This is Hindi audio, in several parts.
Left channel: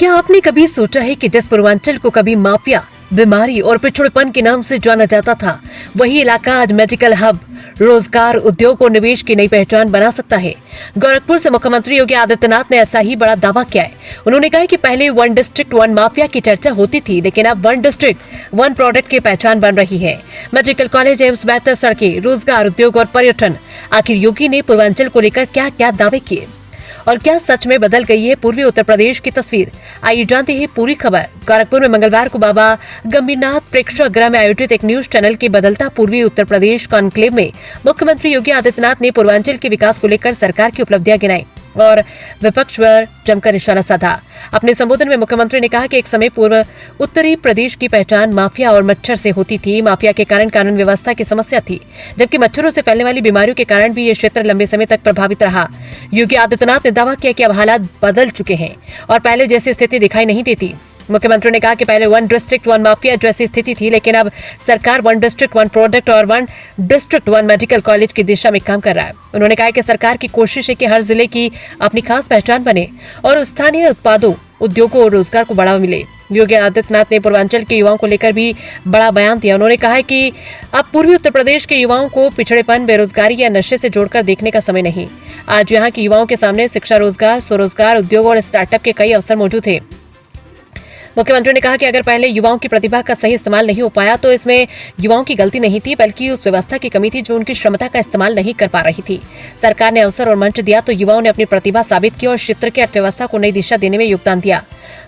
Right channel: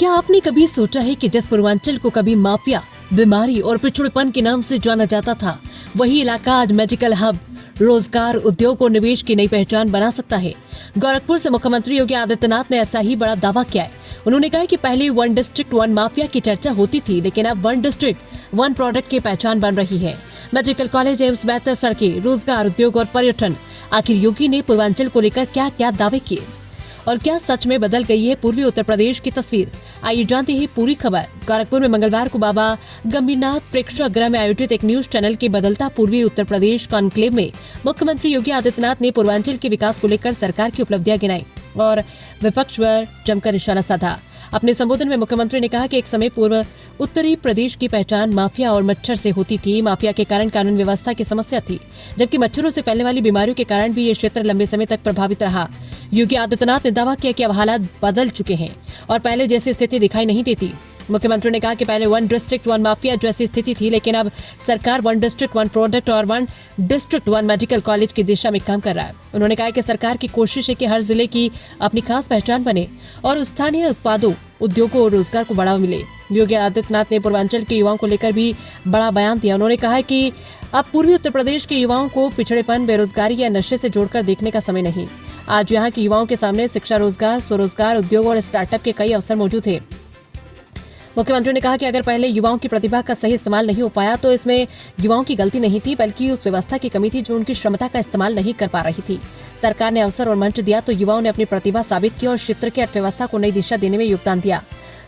क्या आपने कभी सोचा है कि जिस पूर्वांचल को कभी माफिया, बीमारी और पिछड़ेपन के नाम से जाना जाता था, वही इलाका आज मेडिकल हब, रोजगार, उद्योग और निवेश की नई पहचान बना सकता है। गोरखपुर से मुख्यमंत्री योगी आदित्यनाथ ने ऐसा ही बड़ा दावा किया है। उन्होंने कहा कि पहले वन डिस्ट्रिक्ट वन माफिया की चर्चा होती थी, लेकिन अब वन डिस्ट्रिक्ट वन प्रोडक्ट की पहचान बन रही है। मेडिकल कॉलेज, एम्स, बेहतर सड़कें, रोजगार, उद्योग और पर्यटन। आखिर योगी ने पूर्वांचल को लेकर क्या क्या दावे किए और क्या सच में बदल गई है पूर्वी उत्तर प्रदेश की तस्वीर? आइए जानते हैं पूरी खबर। गोरखपुर में मंगलवार को बाबा गंभीरनाथ प्रेक्षागृह में आयोजित एक न्यूज चैनल के बदलता पूर्वी उत्तर प्रदेश कॉन्क्लेव में मुख्यमंत्री योगी आदित्यनाथ ने पूर्वांचल के विकास को लेकर सरकार की उपलब्धियां गिनाई और विपक्ष पर जमकर निशाना साधा। अपने संबोधन में मुख्यमंत्री ने कहा कि एक समय पूर्व उत्तरी प्रदेश की पहचान माफिया और मच्छर से होती थी। माफिया के कारण कानून व्यवस्था की समस्या थी, जबकि मच्छरों से फैलने वाली बीमारियों के कारण भी ये क्षेत्र लंबे समय तक प्रभावित रहा। योगी आदित्यनाथ ने दावा किया कि अब हालात बदल चुके हैं और पहले जैसी स्थिति दिखाई नहीं देती। मुख्यमंत्री ने कहा कि पहले वन डिस्ट्रिक्ट वन माफिया जैसी स्थिति थी, लेकिन अब सरकार वन डिस्ट्रिक्ट वन प्रोडक्ट और one district one medical college की दिशा में काम कर रहा है। उन्होंने कहा कि सरकार की कोशिश है कि हर जिले की अपनी खास पहचान बने और स्थानीय उत्पादों, उद्योगों और रोजगार को बढ़ावा मिले। योगी आदित्यनाथ ने पूर्वांचल के युवाओं को लेकर भी बड़ा बयान दिया। उन्होंने कहा है कि अब पूर्वी उत्तर प्रदेश के युवाओं को पिछड़ेपन, बेरोजगारी या नशे से जोड़कर देखने का समय नहीं। आज यहाँ के युवाओं के सामने शिक्षा, रोजगार, स्वरोजगार, उद्योग और स्टार्टअप के कई अवसर मौजूद थे। मुख्यमंत्री ने कहा कि अगर पहले युवाओं की प्रतिभा का सही इस्तेमाल नहीं हो पाया तो इसमें युवाओं की गलती नहीं थी, बल्कि उस व्यवस्था की कमी थी जो उनकी क्षमता का इस्तेमाल नहीं कर पा रही थी। सरकार ने अवसर और मंच दिया तो युवाओं ने अपनी प्रतिभा साबित की और क्षेत्र की अर्थव्यवस्था को नई दिशा देने में योगदान दिया।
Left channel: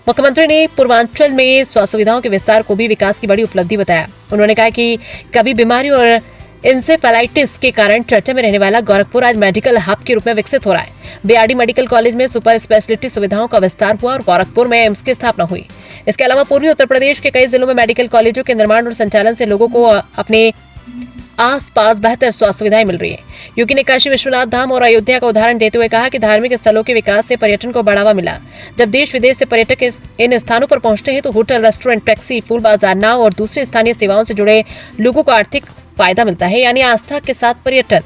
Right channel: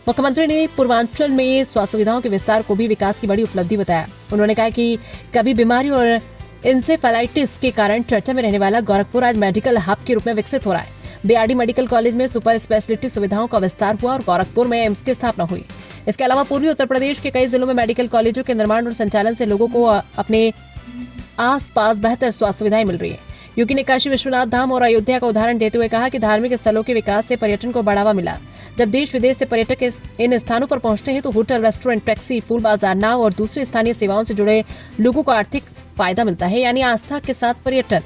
मुख्यमंत्री ने पूर्वांचल में स्वास्थ्य सुविधाओं के विस्तार को भी विकास की बड़ी उपलब्धि बताया। उन्होंने कहा कि कभी बीमारी और इंसेफेलाइटिस के कारण चर्चा में रहने वाला गोरखपुर आज मेडिकल हब के रूप में विकसित हो रहा है। बीआरडी मेडिकल कॉलेज में सुपर स्पेशलिटी सुविधाओं का विस्तार हुआ और गोरखपुर में एम्स की स्थापना हुई। इसके अलावा पूर्वी उत्तर प्रदेश के कई जिलों में मेडिकल कॉलेजों के निर्माण और संचालन से लोगों को अपने आसपास बेहतर स्वास्थ्य सुविधाएं मिल रही है। योगी ने काशी विश्वनाथ धाम और अयोध्या का उदाहरण देते हुए कहा कि धार्मिक स्थलों के विकास से पर्यटन को बढ़ावा मिला। जब देश विदेश से पर्यटक इन स्थानों पर पहुंचते हैं तो होटल, रेस्टोरेंट, टैक्सी, फूल बाजार, नाव और दूसरी स्थानीय सेवाओं से जुड़े लोगों को आर्थिक फायदा मिलता है। यानी आस्था के साथ पर्यटन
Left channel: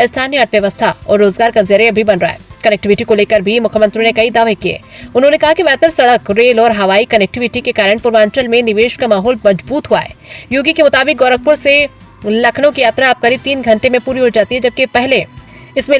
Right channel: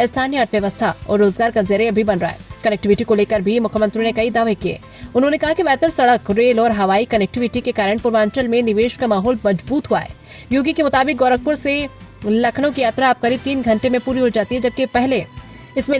स्थानीय अर्थव्यवस्था और रोजगार का जरिया भी बन रहा है। कनेक्टिविटी को लेकर भी मुख्यमंत्री ने कई दावे किए। उन्होंने कहा कि बेहतर सड़क, रेल और हवाई कनेक्टिविटी के कारण पूर्वांचल में निवेश का माहौल मजबूत हुआ है। योगी के मुताबिक गोरखपुर से लखनऊ की यात्रा अब करीब 3 घंटे में पूरी हो जाती है, जबकि पहले इसमें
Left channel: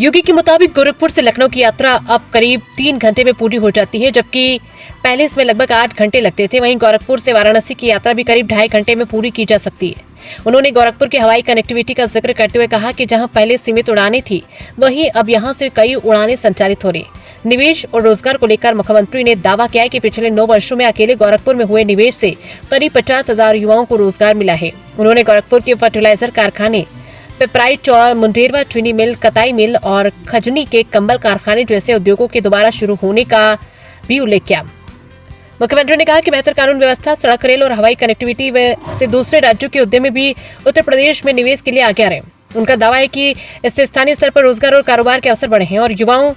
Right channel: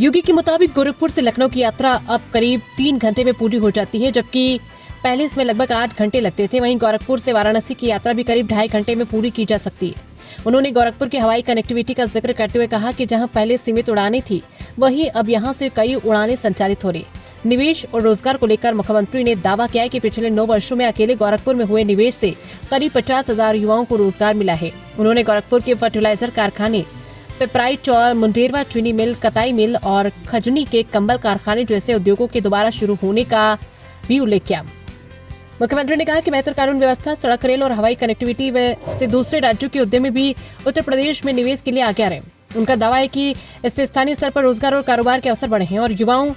योगी के मुताबिक गोरखपुर से लखनऊ की यात्रा अब करीब 3 घंटे में पूरी हो जाती है, जबकि पहले इसमें लगभग 8 घंटे लगते थे। वहीं गोरखपुर से वाराणसी की यात्रा भी करीब 2.5 घंटे में पूरी की जा सकती है। उन्होंने गोरखपुर की हवाई कनेक्टिविटी का जिक्र करते हुए कहा कि जहां पहले सीमित उड़ानें थी, वहीं अब यहां से कई उड़ानें संचालित हो रही। निवेश और रोजगार को लेकर मुख्यमंत्री ने दावा किया है कि पिछले 9 वर्षों में अकेले गोरखपुर में हुए निवेश से करीब 50,000 युवाओं को रोजगार मिला है। उन्होंने गोरखपुर के फर्टिलाइजर कारखाने, पिपराइच और मुंडेरवा चीनी मिल, कताई मिल और खजनी के कंबल कारखाने जैसे उद्योगों के दोबारा शुरू होने का भी उल्लेख किया। मुख्यमंत्री ने कहा कि बेहतर कानून व्यवस्था, सड़क, रेल और हवाई कनेक्टिविटी से दूसरे राज्यों के उद्यमी भी उत्तर प्रदेश में निवेश के लिए आगे आ रहे हैं। उनका दावा है कि इससे स्थानीय स्तर पर रोजगार और कारोबार के अवसर बढ़े हैं और युवाओं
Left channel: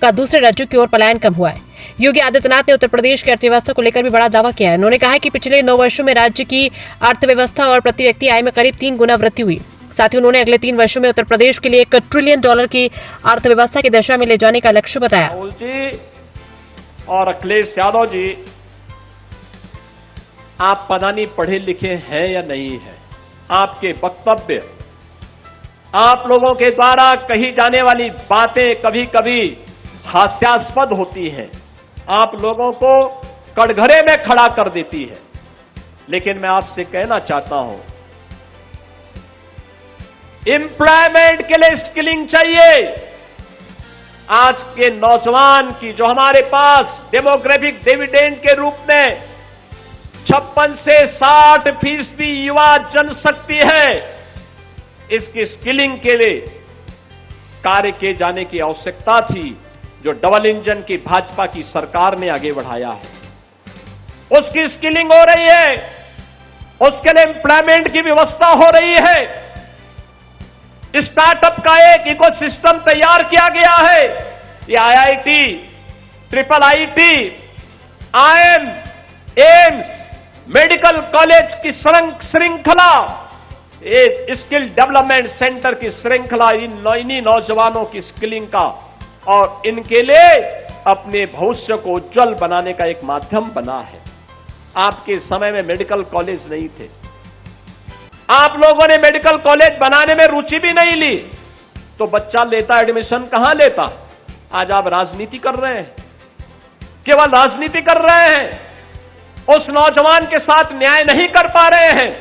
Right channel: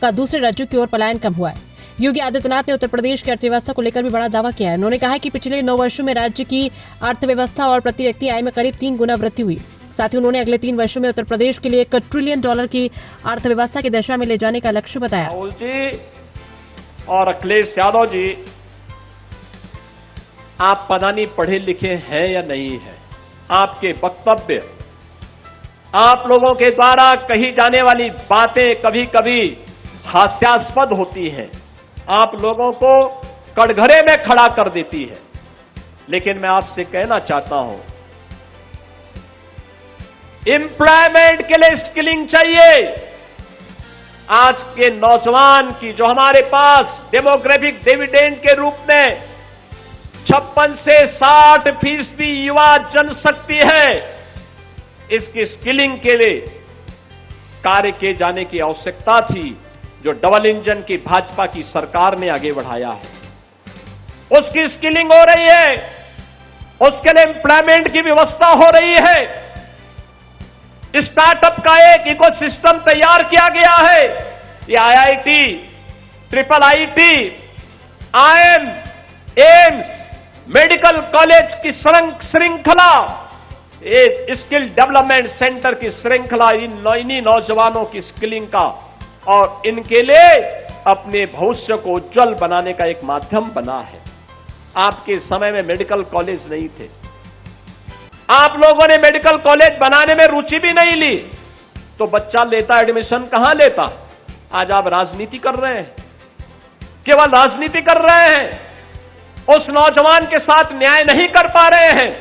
का दूसरे राज्यों की ओर पलायन कम हुआ है। योगी आदित्यनाथ ने उत्तर प्रदेश की अर्थव्यवस्था को लेकर भी बड़ा दावा किया है। उन्होंने कहा है कि पिछले 9 वर्षों में राज्य की अर्थव्यवस्था और प्रति व्यक्ति आय में करीब 3 गुना वृद्धि हुई। साथ ही उन्होंने अगले 3 वर्षों में उत्तर प्रदेश के लिए $1 ट्रिलियन की अर्थव्यवस्था की दिशा में ले जाने का लक्ष्य बताया। राहुल जी और अखिलेश यादव जी, आप पता नहीं पढ़े लिखे हैं या नहीं है। आपके वक्तव्य, आप लोगों के द्वारा कही जाने वाली बातें कभी कभी हास्यास्पद होती हैं, आप लोगों को कटघरे में खड़ा कर देती है। लेकिन मैं आपसे कहना चाहता हूं, एम्प्लॉयमेंट के लिए स्किलिंग चाहिए। आज के नौजवान की जो हमारे पास डेमोग्राफिक डिविडेंड के रूप में 56 से 60% युवा जनशक्ति है, इसकी स्किलिंग के लिए कार्य किए जाने की आवश्यकता थी, जो डबल इंजन की भाजपा की सरकार ने आगे बढ़ाया है। उसकी स्किलिंग हो रही है, उसके लिए एम्प्लॉयमेंट की व्यवस्था हो रही है। स्टार्टअप का एक इकोसिस्टम तैयार किया गया है। ये IIT, IIIT, IIM, AIIMS, medical college की श्रृंखला, एक स्किल डेवलपमेंट सेंटर की श्रृंखला, इन्हीं नौजवानों की स्किलिंग का और इनके लिए अपने भविष्य को उज्जवल बनाने का एक माध्यम बना है। आपके समय में मेडिकल कॉलेज नहीं थे, आप लोगों ने मेडिकल कॉलेज बनाने में रुचि भी नहीं ली, तो बच्चा लेता एडमिशन कहां लेता? आज आप राजनीति कर रहे हैं, केवल राजनीति कर रहे हैं, उस नौजवान के साथ न्याय नहीं कर पा रहे हैं।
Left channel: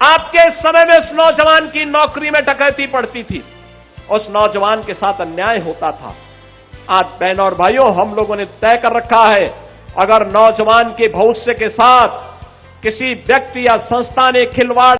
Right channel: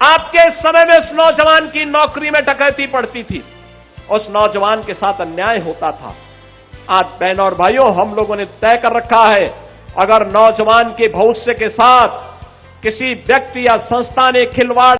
आपके समय में उस नौजवान की नौकरी में डकैती पड़ती थी, उस नौजवान के साथ अन्याय होता था। आज बहनों और भाइयों, हम लोगों ने तय कर रखा है, अगर नौजवान के भविष्य के साथ किसी व्यक्ति या संस्था ने खिलवाड़